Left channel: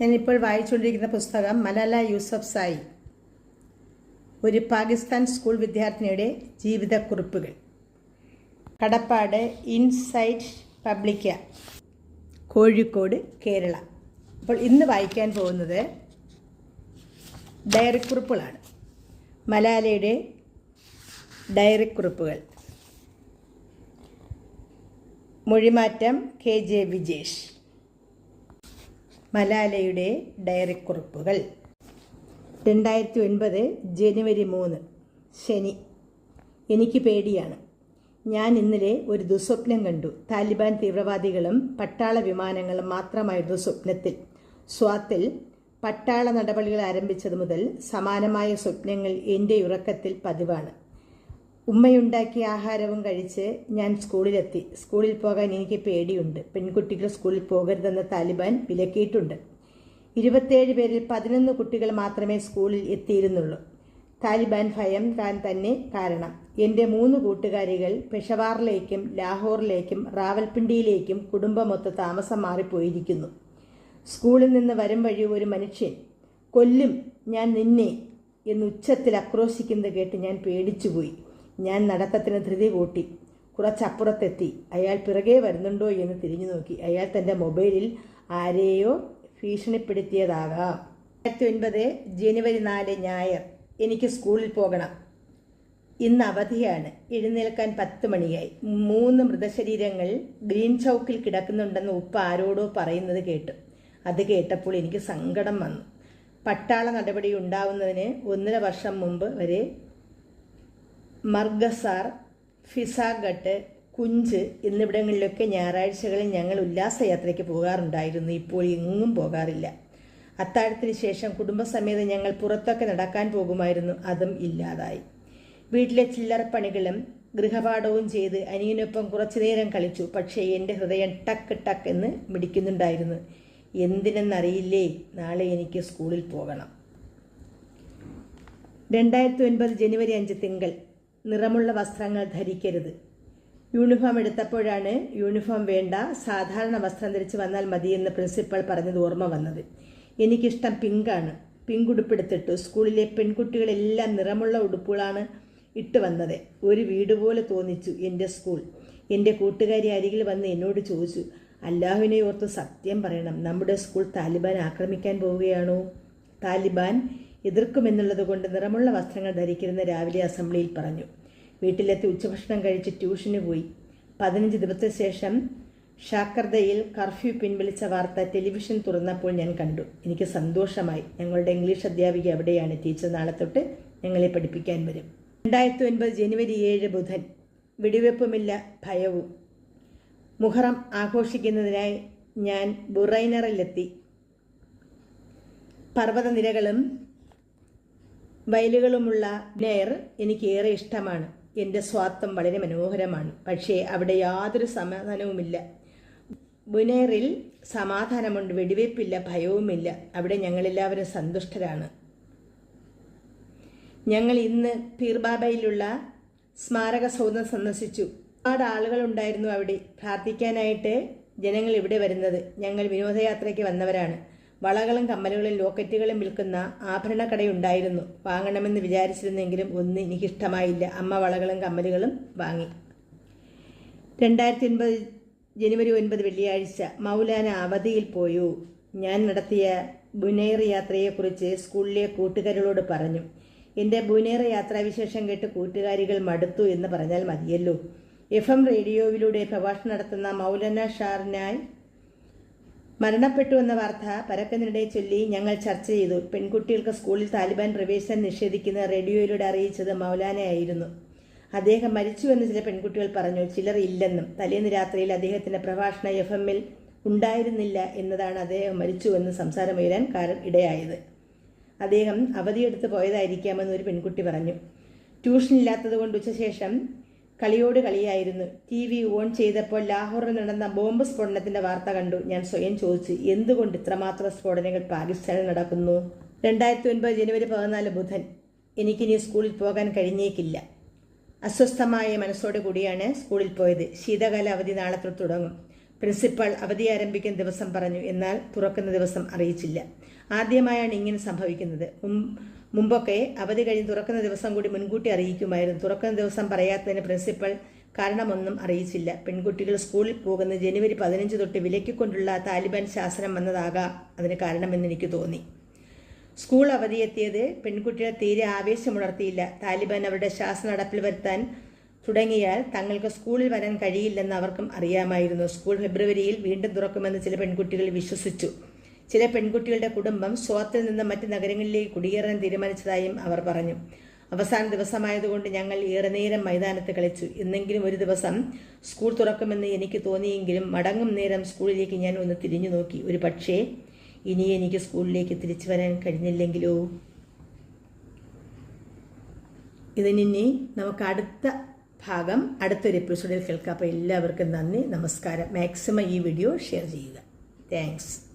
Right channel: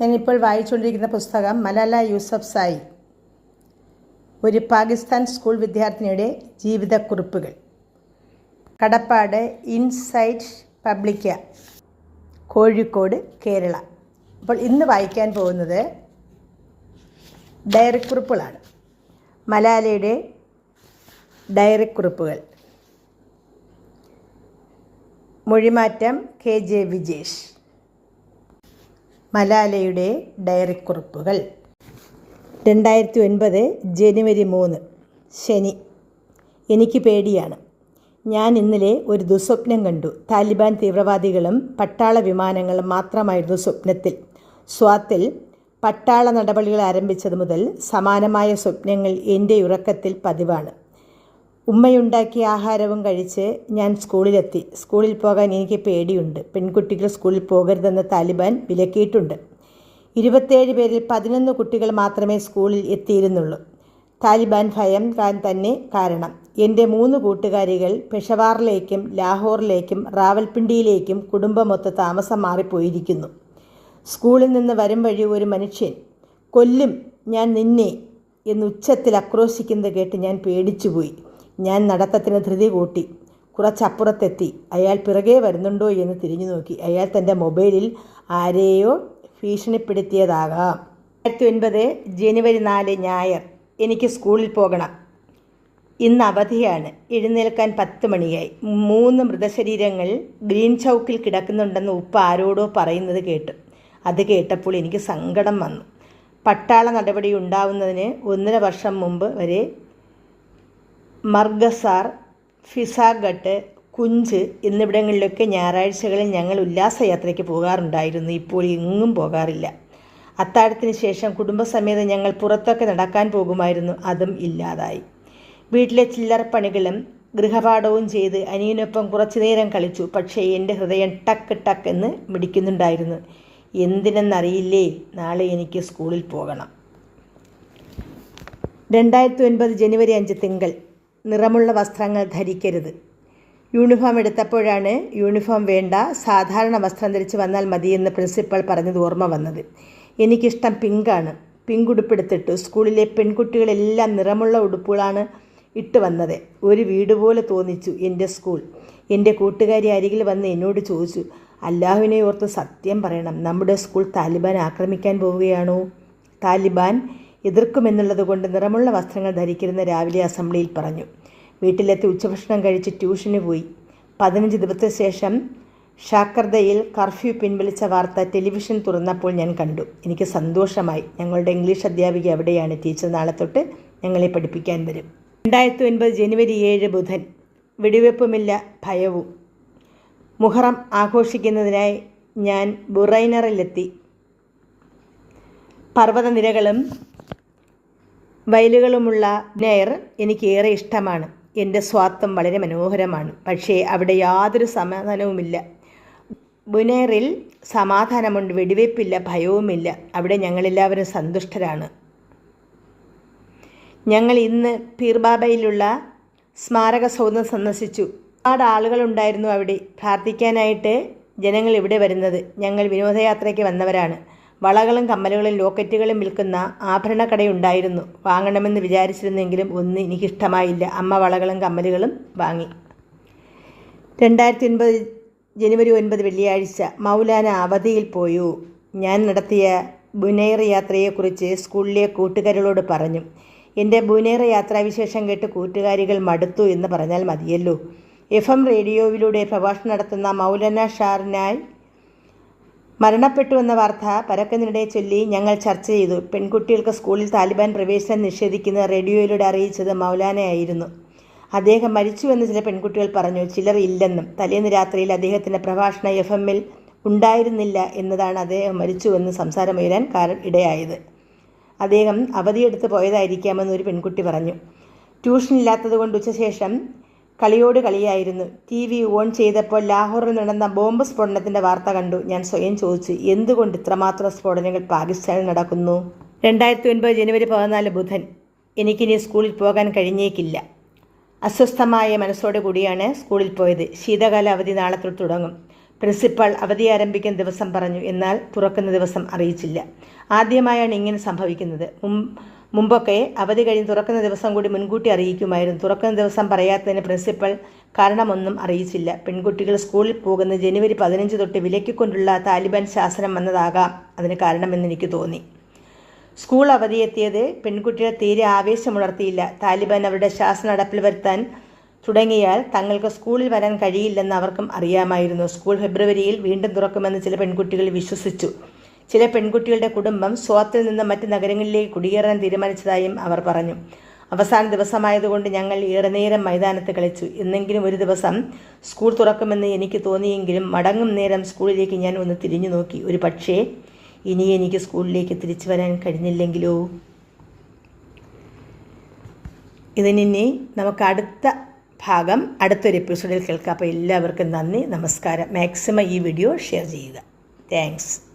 ഞാനിപ്പോൾ വായിച്ചുകൊണ്ടിരിക്കുന്ന പുസ്തകം മലാല യൂസഫ് സായി. ഒരു പാകിസ്ഥാൻ സ്കൂൾ വിദ്യാർത്ഥിനിയുടെ ജീവിതക്കുറിപ്പുകൾ. കടപ്പാട് ഇൻസൈറ്റ് പബ്ലിക്ക കോഴിക്കോട് കേരള. അപ്പോൾ ഇന്ന് വായിക്കാൻ പോകുന്നത് ഡയറിക്കുറിപ്പുകളാണ്. മലാലയുടെ ഡയറിക്കുറിപ്പുകൾ. മൊഴിമാറ്റം കെ ജെ വിജേഷ്. മലാലയുടെ ഡയറിക്കുറിപ്പുകൾ. രണ്ടായിരത്തി ഒൻപത് ജനുവരി മൂന്ന് ശനി. എനിക്ക് പേടിയാണ്. ഞാൻ ഇന്നലെ ഒരു ദുസ്വപ്നം കണ്ടു. താലിബാൻ തീവ്രവാദികളും പട്ടാള വിമാനങ്ങളും മാത്രമായിരുന്നു സ്വപ്നത്തിൽ സ്വാത്തിൽ പട്ടാള നടപടികൾ ആരംഭിച്ചത് മുതൽ സമാനമായ സ്വപ്നങ്ങൾ എന്റെ ഉറക്കത്തിൽ പതിവാണ്. ഉമ്മയുണ്ടാക്കിയ ആഹാരവും കഴിച്ച് ഞാൻ സ്കൂളിലെത്തി. സ്കൂളിൽ പോകാൻ എനിക്ക് പേടിയുണ്ട്. പെൺകുട്ടികൾ സ്കൂളിൽ പോകരുതെന്ന് താലിബാൻ വിലക്കിയിട്ടുണ്ട്. ഇരുപത്തേഴ് പേരിൽ പതിനൊന്ന് കുട്ടികൾ മാത്രമേ സ്കൂളിൽ എത്തിയിരുന്നുള്ളൂ. താലിബാൻ ഭയം താൻ തന്നെ കാരണം. എന്റെ മൂന്ന് കൂട്ടുകാരികൾ പെഷവാറിലേക്കും ലാഹോറിലേക്കും റാവൽപിണ്ടിയിലേക്കും കുടുംബമൊത്ത് താമസം മാറിപ്പോയിരിക്കുന്നു. സ്കൂളിൽ നിന്ന് വരും വഴി ഒരു മനുഷ്യൻ. കൊല്ലും ഞാൻ നിന്നെ എന്ന് ഉച്ചത്തിൽ ആക്രോശിക്കുന്നത് കേട്ട് ഞാൻ പേടിച്ചുപോയി. ഞാൻ നടത്തത്തിന് ധൃതി കൂട്ടി. കുറച്ചപ്പുറത്തെത്തി. അയാൾ പിറകെ വരുന്നുണ്ടോ എന്ന് തിരിഞ്ഞു നോക്കി. അയാൾ തന്റെ മൊബൈലിൽ ആരെയോ ഭീഷണിപ്പെടുത്തിയതാകാം. രണ്ടായിരത്തി ഒൻപത് ജനുവരി നാല് ഞായർ. എനിക്ക് സ്കൂളിൽ പോകണം. ഇന്ന് അവധിയാണ്. എഴുന്നേൽക്കാൻ പത്ത് മണിയായി. മൂന്ന് മൃതശരീരങ്ങൾ ഗ്രീൻ ചൗക്കിൽ കിടക്കുന്നുണ്ടെന്ന് ഉപ്പ ആരോടോ പറയുന്നത് കേട്ടു. അത് കേട്ടപ്പോൾ എനിക്ക് സങ്കടം വന്നു. പട്ടാള നടപടി ഉണ്ടാവുന്നതിന് ഒന്നര വർഷം മുമ്പ് വരെ മർഗസാർ ഫിസാഗട്ട് കുഞ്ച് എന്നിവിടങ്ങളിലൊക്കെ ഞായറാഴ്ചകളിൽ ഞങ്ങൾ ഉല്ലാസയാത്രയ്ക്ക് പോകാറുണ്ടായിരുന്നു. ഇപ്പോൾ എങ്ങും പോകാറില്ല. അത്താഴത്തിന് ശേഷം കുടുംബസമേതം ഞങ്ങൾ പുറത്തൊക്കെ നടക്കാൻ പോകുമായിരുന്നു. അതും ഇല്ലാതായി. വീട്ടിലെ ചില്ലറ പണികളും ഗൃഹപാഠവും ചെയ്ത് അനിയനൊപ്പം കുറച്ചു നേരം കളിച്ചു. പക്ഷേ എന്റെ ഹൃദയം ടക്ക് ടക്ക് എന്ന് മിടിക്കുന്നുണ്ടായിരുന്നു. എന്തിനെന്നറിയില്ലേ? നാളെ എനിക്ക് സ്കൂളിൽ പോകണം. രണ്ടായിരത്തി ഒൻപത് ജനുവരി അഞ്ച് തിങ്കൾ. നിറമുള്ള വസ്ത്രങ്ങൾ ധരിക്കരുത്. യൂണിഫോം എടുത്തപ്പോഴാണ് യൂണിഫോം വേണ്ട സാധാരണ വസ്ത്രം ധരിച്ച് വന്നാൽ മതിയെന്ന് പ്രിൻസിപ്പൾ പറഞ്ഞത് ഓർമ്മ വന്നത്. എനിക്കിഷ്ടം പിങ്കാണ്. പിങ്ക് ഉടുപ്പെടുത്തിട്ടു സ്കൂളിലെ പെൺകുട്ടികളെല്ലാം നിറമുള്ള ഉടുപ്പുകളാണ് ഇട്ട് വന്നത്. ഒരു വീട് പോലെ തോന്നിച്ചു എന്റെ സ്കൂൾ. എന്റെ കൂട്ടുകാരി അരികിൽ വന്ന് എന്നോട് ചോദിച്ചു അല്ലാഹുവിനെ ഓർത്ത് സത്യം പറയണം. നമ്മുടെ സ്കൂൾ താലിബാൻ ആക്രമിക്കാൻ പോവുകയാണോ? താലിബാൻ എതിർക്കുമെന്നുള്ളത് കൊണ്ട് നിറമുള്ള വസ്ത്രങ്ങൾ ധരിക്കരുന്ന രാവിലെ അസംബ്ലിയിൽ പറഞ്ഞു. വീട്ടിലെത്തി ഉച്ചഭക്ഷണം കഴിച്ച് ട്യൂഷന് പോയി. പതിനഞ്ച് ദിവസത്തിന് ശേഷം ഷാക്കർദയിൽ കർഫ്യൂ പിൻവലിച്ച വാർത്ത ടെലിവിഷൻ തുറന്നപ്പോൾ ഞാൻ കണ്ടു. എനിക്ക് സന്തോഷമായി. ഞങ്ങളുടെ ഇംഗ്ലീഷ് അധ്യാപിക എവിടെയാണ്? ടീച്ചർ നാളെ തൊട്ട് ഞങ്ങളെ പഠിപ്പിക്കാൻ വരും. രണ്ടായിരത്തി ഒൻപത് ജനുവരി ഏഴ് ബുധൻ. വെടിവെപ്പുമില്ല ഭയവും. മുഹറം ആഘോഷിക്കുന്നതിനായി ഞാൻ ബുറൈനറിലെത്തി. പർവതനിരകളും വയലുകളുമുള്ള നെയർ എനിക്ക് ഏറെ ഇഷ്ടമാണ്. എന്റെ സ്വാത്വം വളരെ മനോഹരമാണ്. പക്ഷേ അവിടെ യാതൊരു സമാധാനവുമില്ല. ബുനേറിൽ സമാധാനമുണ്ട് വെടിവയ്പ്പില്ല ഭയവുമില്ല. അവിടെ ഞങ്ങളെല്ലാവരും സന്തുഷ്ടരാണ്. ഞങ്ങൾ ഇന്ന് പീർബാബയിലുള്ള സ്മാരക സൗധം സന്ദർശിച്ചു. ഒരുപാട് ആളുകളുണ്ടായിരുന്നു അവിടെ. പ്രാർത്ഥിക്കാനായിട്ട് ജനങ്ങൾ ഇവിടെ വരുന്നത്. ഞങ്ങൾ വിനോദയാത്രയ്ക്ക് വന്നവരാണ്. വളകളും കമ്മലുകളും ലോക്കറ്റുകളും വിൽക്കുന്ന ആഭരണക്കടയുണ്ടായിരുന്നു. വാങ്ങണമെന്ന് വിചാരിച്ചിരുന്നെങ്കിലും ഒന്നും എനിക്കിഷ്ടമായില്ല അമ്മ വളകളും കമ്മലുകളും വാങ്ങി. രണ്ടായിരത്തി ഒൻപത് ജനുവരി ഒൻപത് വെള്ളിയാഴ്ച മൗലാന അവധിയിൽ പോയു. ഞാൻ നടത്തിയ ബുനൈർ യാത്രയെക്കുറിച്ച് സ്കൂളിലെ കൂട്ടുകാരികളോട് പറഞ്ഞു. എന്റെ ബുനേർ യാത്രാവിശേഷം കേട്ട് കൂട്ടുകാരികൾ മടുത്തു എന്ന് പറഞ്ഞാൽ മതിയല്ലോ. എഫ് എം റേഡിയോയിലൂടെ പ്രഭാഷണം നടത്തുന്ന മൗലാന ഷാറിനായി മരണപ്പെട്ടു എന്ന വാർത്ത പരക്കുന്നതിനിടെ ചൊല്ലി ഞങ്ങൾ ചർച്ച ചെയ്തു. പെൺകുട്ടികൾക്ക് സ്കൂളിൽ താലിബാൻ പ്രവേശനം നിഷേധിക്കുന്ന റേഡിയോയിലൂടെ അറിയിച്ചത് മൗലാനയായിരുന്നു. അദ്ദേഹം മരിച്ചുവെന്ന് ചില പെൺകുട്ടികൾ പറഞ്ഞു. ചിലർ ഇല്ലെന്നും തലേന്ന് രാത്രിയിൽ അദ്ദേഹത്തിന്റെ പ്രഭാഷണ എഫ് എമ്മിൽ ഉണ്ടായിരുന്നില്ല എന്നതാണ് അദ്ദേഹം മരിച്ചുവെന്ന് സംസാരമുയരാൻ കാരണം ഇടയായത്. അദ്ദേഹം അവധിയെടുത്ത് പോയതായിരിക്കാമെന്ന് ഒരു പെൺകുട്ടി പറഞ്ഞു. ട്യൂഷൻ ഇല്ലാത്തതുകൊണ്ട് ഉച്ചശേഷം കളിയോട് കളിയായിരുന്നു. ടി വി ഓൺ ചെയ്തപ്പോൾ ലാഹോറിൽ നടന്ന ബോംബ് സ്ഫോടനത്തിന്റെ വാർത്ത കണ്ടു. ഞാൻ സ്വയം ചോദിച്ചു എന്തുകൊണ്ട് ഇത്രമാത്രം സ്ഫോടനങ്ങൾ പാകിസ്ഥാനിൽ നടക്കുന്നു? രണ്ടായിരത്തി ഒൻപത് ജനുവരി പതിനാല് ബുധൻ. എനിക്കിനി സ്കൂളിൽ പോകാൻ കഴിഞ്ഞേക്കില്ല. അസ്വസ്ഥമായ മനസ്സോടെ കൂടിയാണ് സ്കൂളിൽ പോയത്. ശീതകാല അവധി നാളെ തൊട്ട് തുടങ്ങും. പ്രിൻസിപ്പൾ അവധി ആരംഭിക്കുന്ന ദിവസം പറഞ്ഞു. എന്നാൽ തുറക്കുന്ന ദിവസം അറിയിച്ചില്ല. ആദ്യമായാണ് ഇങ്ങനെ സംഭവിക്കുന്നത്. മുമ്പൊക്കെ അവധി കഴിഞ്ഞ് തുറക്കുന്ന ദിവസം കൂടി മുൻകൂട്ടി അറിയിക്കുമായിരുന്നു. തുറക്കുന്ന ദിവസം പറയാത്തതിന് പ്രിൻസിപ്പൽ കാരണമൊന്നും അറിയിച്ചില്ല. പെൺകുട്ടികൾ സ്കൂളിൽ പോകുന്ന ജനുവരി പതിനഞ്ച് തൊട്ട് വിലക്കിക്കൊണ്ടുള്ള താലിബാൻ ശാസനം വന്നതാകാം അതിന് കാരണമെന്ന് എനിക്ക് തോന്നി. സ്കൂൾ അവധിയെത്തിയത് പെൺകുട്ടികളെ തീരെ ആവേശമുണർത്തിയില്ല. താലിബാൻ അവരുടെ ശാസന നടപ്പിൽ വരുത്താൻ തുടങ്ങിയാൽ തങ്ങൾക്ക് സ്കൂളിൽ വരാൻ കഴിയില്ലെന്ന് അവർക്കും അറിയാമായിരുന്നു. സ്കൂൾ ഫെബ്രുവരിയിൽ വീണ്ടും തുറക്കുമെന്ന് ചില പെൺകുട്ടികൾ വിശ്വസിച്ചു. ചില പെൺകുട്ടികളുടെ കുടുംബം സ്വാത്തിൽ നിന്ന് മറ്റ് നഗരങ്ങളിലേക്ക് കുടിയേറാൻ തീരുമാനിച്ചതായും അവർ പറഞ്ഞു. അവസാന ദിവസമായതുകൊണ്ട് ഞങ്ങൾ ഏറെ നേരം മൈതാനത്ത് കളിച്ചു. എന്നെങ്കിലും ഒരു ദിവസം സ്കൂൾ തുറക്കുമെന്ന് എനിക്ക് തോന്നിയെങ്കിലും മടങ്ങും നേരം സ്കൂളിലേക്ക് ഞാൻ ഒന്ന് തിരിഞ്ഞു നോക്കി. ഒരു പക്ഷേ ഇനി എനിക്ക് സ്കൂളിലേക്ക് തിരിച്ചു വരാൻ കഴിഞ്ഞില്ലെങ്കിലോ? ഇതിനി നമുക്ക് അടുത്ത ഭാഗം അടുത്തൊരു എപ്പിസോഡിൽ കേൾക്കാം. അപ്പോൾ എല്ലാവർക്കും നന്ദി നമസ്കാരം. മാക്സിമം ഈ വീഡിയോ ഷെയർ ചെയ്യുക. താങ്ക്സ്